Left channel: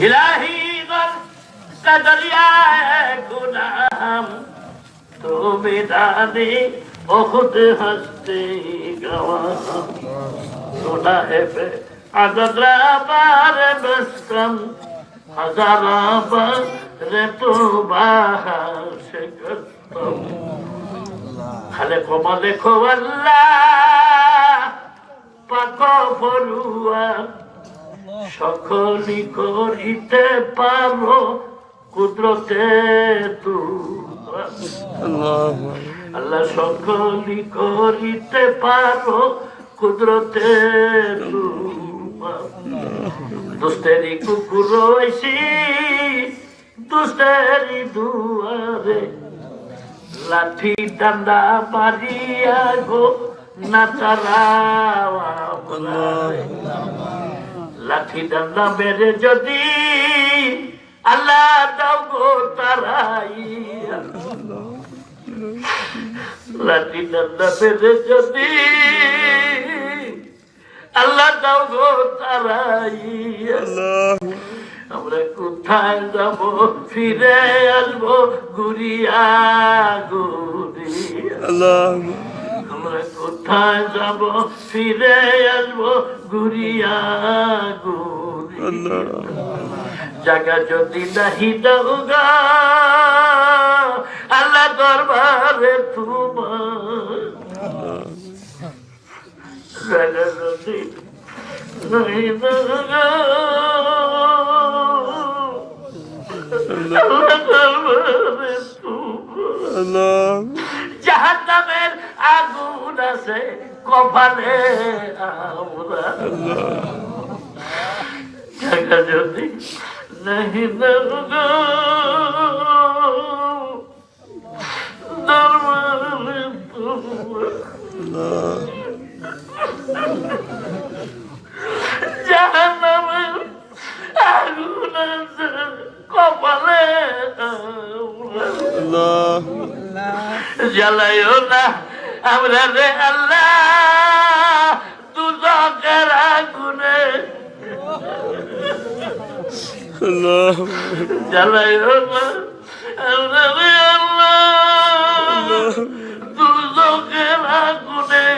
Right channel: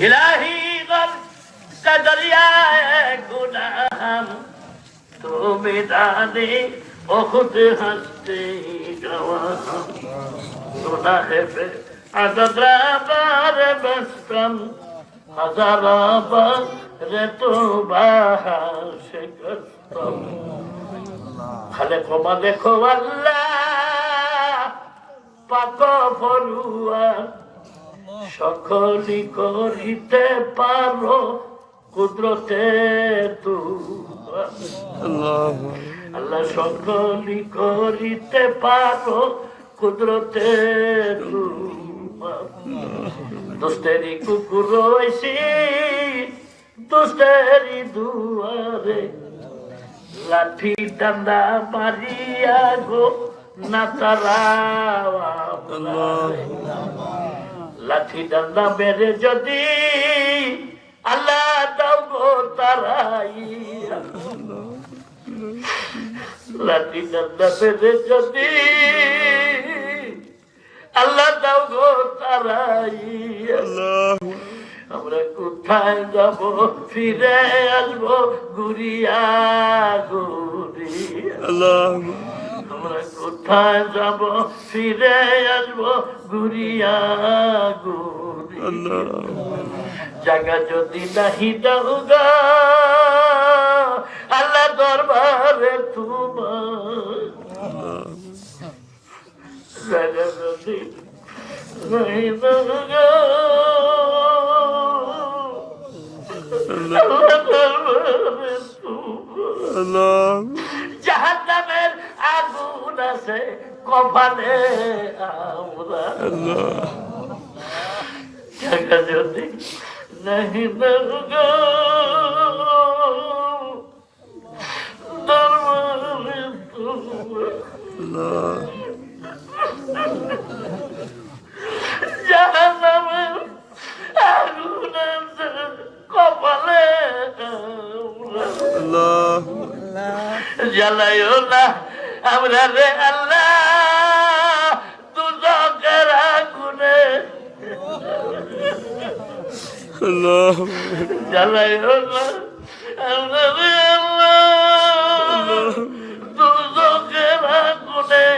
इलाही गर कदरियाए गुनाम तो मिदानी खुद हंसते गवा सुना है पे अगदरा बार बस कम हजारा बार तो बाहर से कम खाले कमा देखो अल्लाह पाक फरुआ সকলি করিতে পারো কুদরতে আল্লাহ সকলি করিতে পারো কুদরতে দুষ্টেরি কুকুর রয়েছি দুষ্টেরি দুয়ারে লাঠি ডান্ডা মারিয়া গো না তারা লাঠি ডান্ডা মেরে যদি আল্লাহ দাও গো তারাই লাঠি ডান্ডা মেরে যদি আল্লাহ দাও গো তারাই আমরা কোথায় যাব ফিরে আসবো ঘুরিয়া ঘুরিয়া আমরা কোথায় যাব ফিরে আসবো ঘুরিয়া ঘুরিয়া জায়গা যদি নাহি দাওগা আল্লাহ দরবারে তোমার জায়গা যদি নাহি দাওগা আল্লাহ দরবারে তোমার জাহান্নামের আগুন আছে কপালে আমরা জায়গা যদি নাহি দাওগা দরবারে তোমার জাহান্নামের আগুন আছে কপালে আমরা জ্বালাইও না আমরা রে আল্লাহ দুজকের আগুনে জ্বালাইও না আমরা রে আল্লাহ দুজকের আগুনে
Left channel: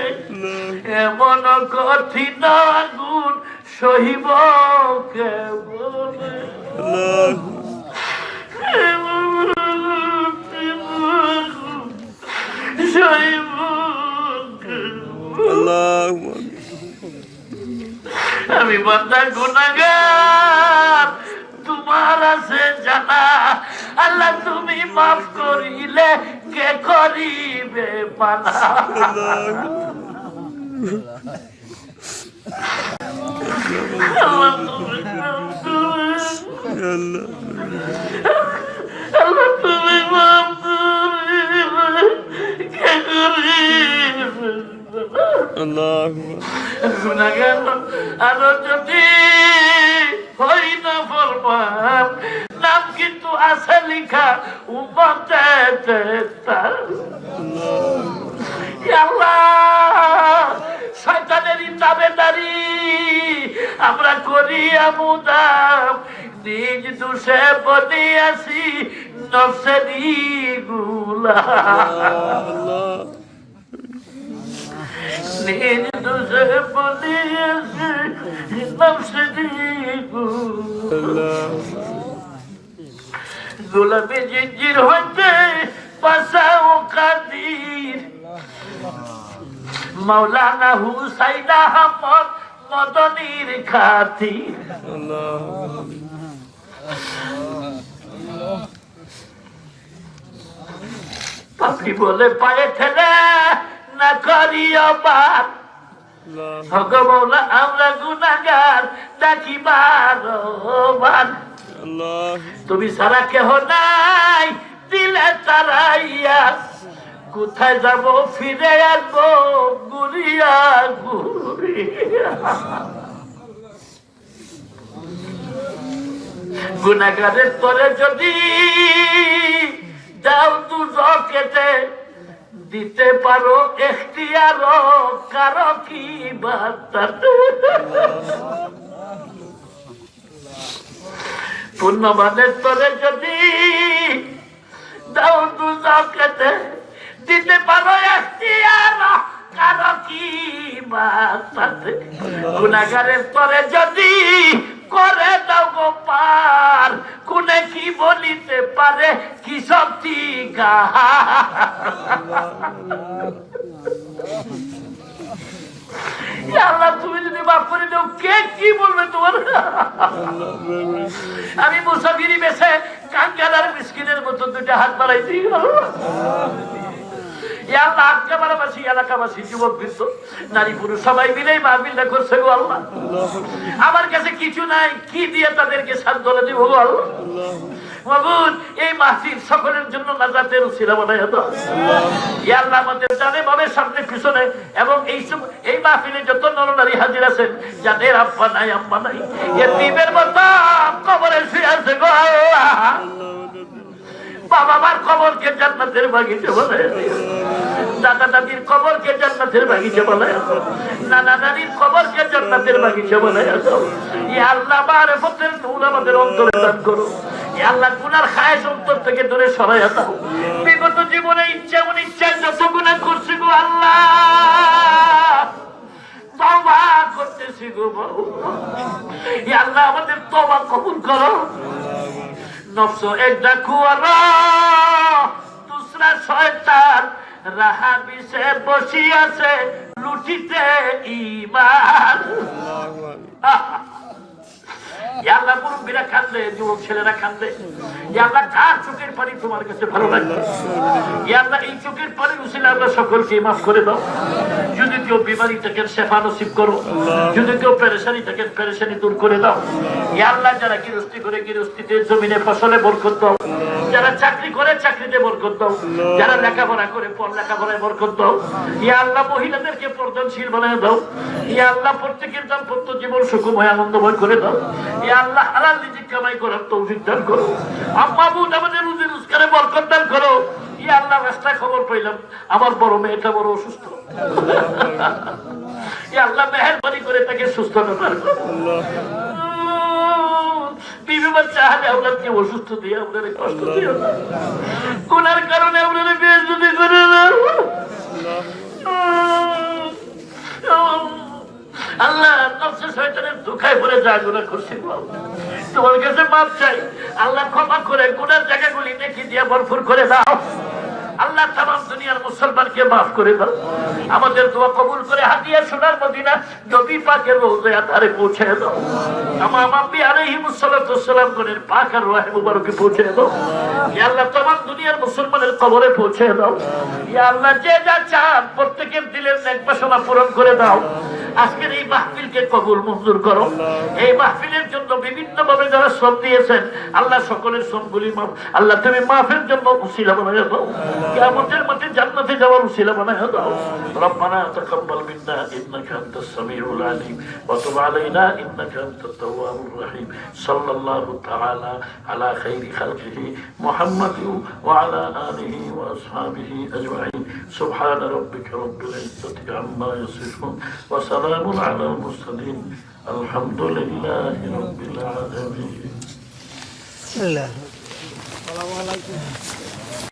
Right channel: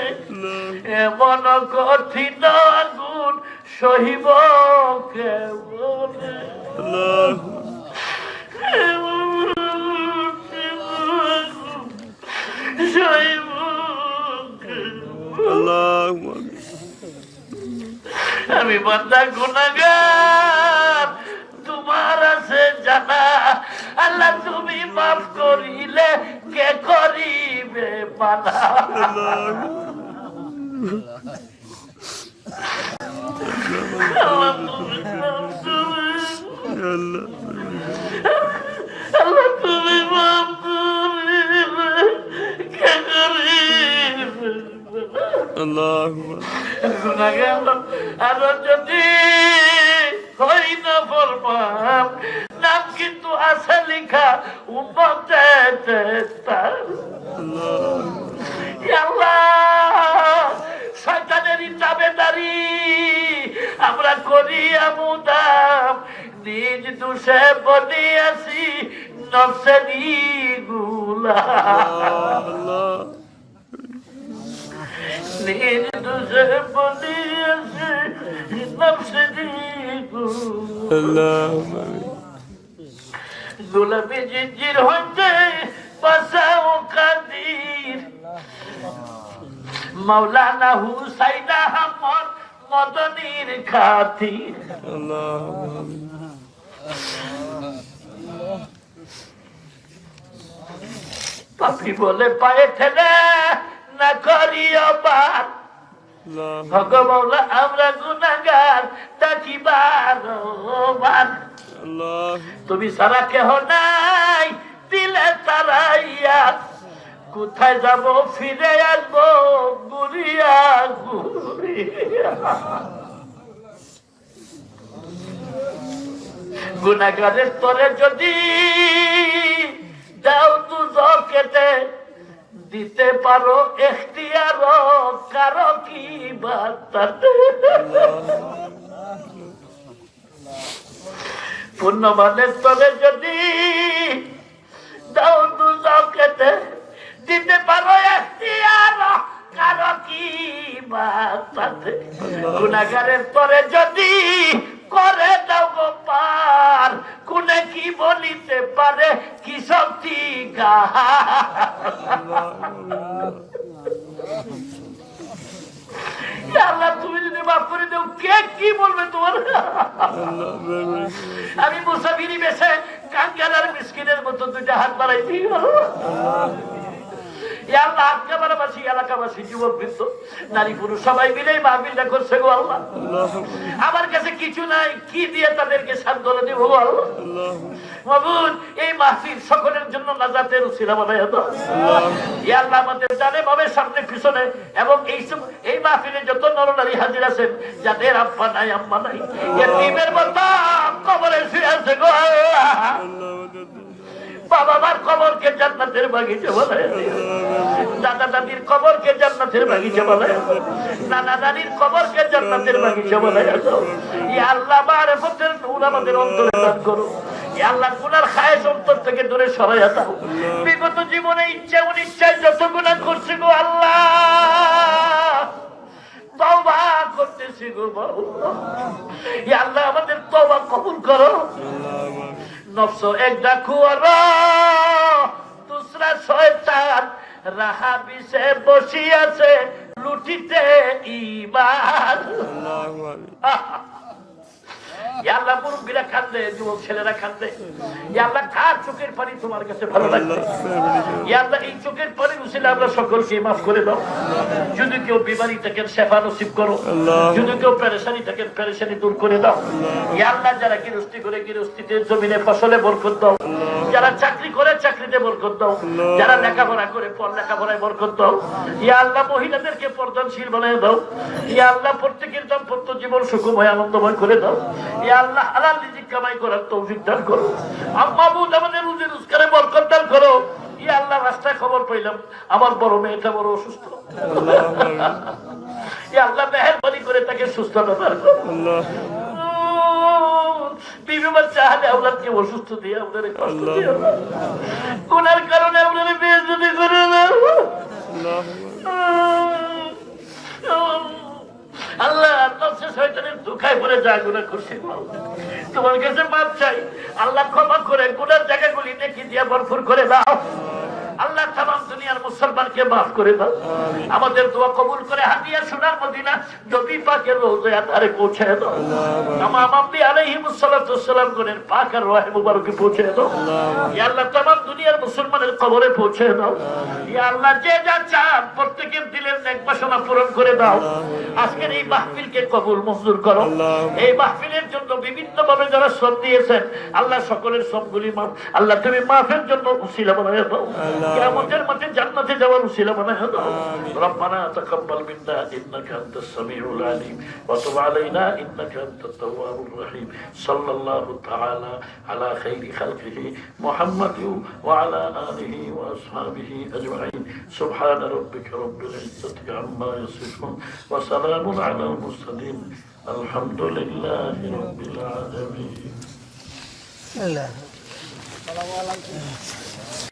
এমন কঠিন আগুন সহিব কেমনে আমি বান্দা গুনাহগার তোমার আছে জানা আল্লাহ তুমি মাফ করিলে কে করিবে পানা আল্লাহ তুমি মাফ করিলে কে করিবে গুনাহগার আর যদি হই না ফরমান নাম কিন্তু আছে লেখা উম্মতে আল্লাহ শয়তানেরই তাবেদারি আমরা করি আমুদাম নিজ দোষে বনিয়াছি নফসেরি গুলাম নিজ দোষে বনিয়াছি নফসেরি গুলাম গোলামে জিঞ্জির হইতে বাঁচাও কাদির মৌলানা হুসাইন আহমদ মদনীর খাতির পাপড়ি বলে পায়ে ঠেলে না করিও পাপ হক মৌলা আমরা গুনাহগার ডাকি বারবার তুমি সারা কেহ নাই দিলে তারাইয়া কোথায় যাব ফিরে আসবো ঘুরিয়া ঘুরিয়া গুনাহগারের পরে যদি যাও দুজকেতে দিতে পারো এখতিয়ার কারো কি বার্তা পুণ্যবানের তরে যদি দাও তু যাও খেতে দিতে পারো এখতিয়ার কারো কি বাঁচাতে গুনাহগারের তরে যদি করে দাও গো পার কোনে কি বলিতে পারে কি শক্তি গা আল্লাহ তুমি যদি মাফ করে দাও কে কি বলবে তোমার আমি মুসাফিরি বেছে কাঙ্গালার মিসকিনের মতো দুইটা হাত বাড়াইছি নারী পুরুষ সবাই মিলে মাহফিলটা করছে গো আল্লাহ আমার কাছে কিছু নাই কি দিয়ে তাদেরকে সান্ত্বনা দিব মাবুদ এই মাহফিল সকলের জন্য নাজাতের উসিলা বানায় দাও ইয়া আল্লাহ আমাদের জানে ভাবে সামনে পিছনে এবং এই মাহফিলে যত নরনারী হাজির আছেন যাদের আব্বা নাই আম্মা নাই এতিমের মতো কবরে শুয়ে আছে গো আল্লাহ বাবা মার কবরকে জান্নাতের বাগিচা বানায় দাদা দাদির কবরকে জান্নাতের বাগিচা বানায় নানা নানির কবরকে জান্নাতের বাগিচা বানায় ইয়া আল্লাহ মারিফতের নূর আমাদের অন্তরে দান করো ইয়া আল্লাহ গুনার খায়েশ অন্তর থেকে দূরে সরাইয়া দাও বিগত জীবনে ইচ্ছা অনিচ্ছায় যত গুনাহ করছি গো আল্লাহ তওবা করতেছি গো মাওলা ইয়া আল্লাহ আমাদের তওবা কবুল করো নফস একটা খুয়ারা দুসরা শয়তান রাহা বিছে বসি আছে লুটিতে ঈমান ইয়া আল্লাহ মুরব্বিরা কাঁদলে যুবক ছেলেরা কাঁদলে ইয়া আল্লাহ কার চোখের পানি তোমার কাছে ভালো লাগবে ইয়া আল্লাহ এই চোখের পানি উসিলে আমরা সকলকে মাফ করে দাও যদি কেউ বিমারি থাকেন শেফা নসিব করো যদি কেউ পেরেশানি থাকেন পেরেশানি দূর করে দাও ইয়া আল্লাহ যারা গৃহস্থী করে গৃহস্থীতে জমিনে ফসলে বরকত দাও যারা চাকরি করে চাকরিতে বরকত দাও যারা লেখাপড়া করে লেখাপড়ায় বরকত দাও ইয়া আল্লাহ মহিলাদেরকে পর্দানশীল বানিয়ে দাও ইয়া আল্লাহ প্রত্যেকের দাম্পত্য জীবন সুখময় আনন্দময় করে দাও ইয়া আল্লাহ হালাল রিজিক কামাই করার তৌফিক দান করো আম্মা বোন আমাদের রুজি রোজগারে বরকত দান করো ইয়া আল্লাহ রাস্তায় খবর পাইলাম আমার বড় মেয়েটা বড় অসুস্থ ইয়া আল্লাহ মেহেরবানি করে তাকে সুস্থতা দান করো বিবি বাচ্চা হাতে ওনাকে অসুস্থ দিয়ে ওনারে কষ্ট দিও না গুনার কারণে ওনারে বেইজ্জতি করে দাও আল্লাহ নফসে শয়তানের ধোঁকায় পড়ে যা গুনাহ করছি তোমার কাছে মাফ চাই আল্লাহ ক্ষমা করে গুনার জায়গাগুলি নেকি দিয়ে ভরপুর করে দাও আল্লাহ তামাম দুনিয়ার মুসলমানকে মাফ করে দাও আমাদের দোয়া কবুল করে হাদিয়া সোনার মদিনা নবী পাকের রওজায় আতারে পৌঁছে দাও তামাম আম্বিয়া আলাইহিমুস সালাতু ওয়াসসালাম গুনের পাক আর রূহ মুবারকে পৌঁছে দাও ইয়া আল্লাহ তামাম দুনিয়ার মুসলমানের কবরে পৌঁছে দাও ইয়া আল্লাহ যে যা চান প্রত্যেকের দিলের নেক বাসনা পূরণ করে দাও আজকের এই মাহফিলকে কবুল মঞ্জুর করো এই মাহফিলের জন্য বিভিন্ন ভাবে যারা শ্রম দিয়েছেন আল্লাহ সকলের শ্রমগুলি মাফ আল্লাহ তুমি মাফের জন্য উসিলা বানায় দাও কিয়ামতের মাঠে জান্নাতে যাওয়ার উসিলা বানায় দাও রব্বানা তাকাব্বাল মিন্না ইন্নাকা আনতাস সামিউল আলিম ওয়া তুব আলাইনা ইন্নাকা আনতাত তাওয়াবুর রহিম সাল্লাল্লাহু তাআলা আলা খাইরি খালকিহি মুহাম্মাদ ওয়া আলা আলিহি ওয়া আসহাবিহি আজমাইন সুবহানা রাব্বিকা রাব্বিল ইজ্জাতি আম্মা ইয়াসিফুন ওয়া সালামুন আলাল মুরসালিন আলহামদুলিল্লাহি রাব্বিল আলামিন। আসসালামু আলাইকুম।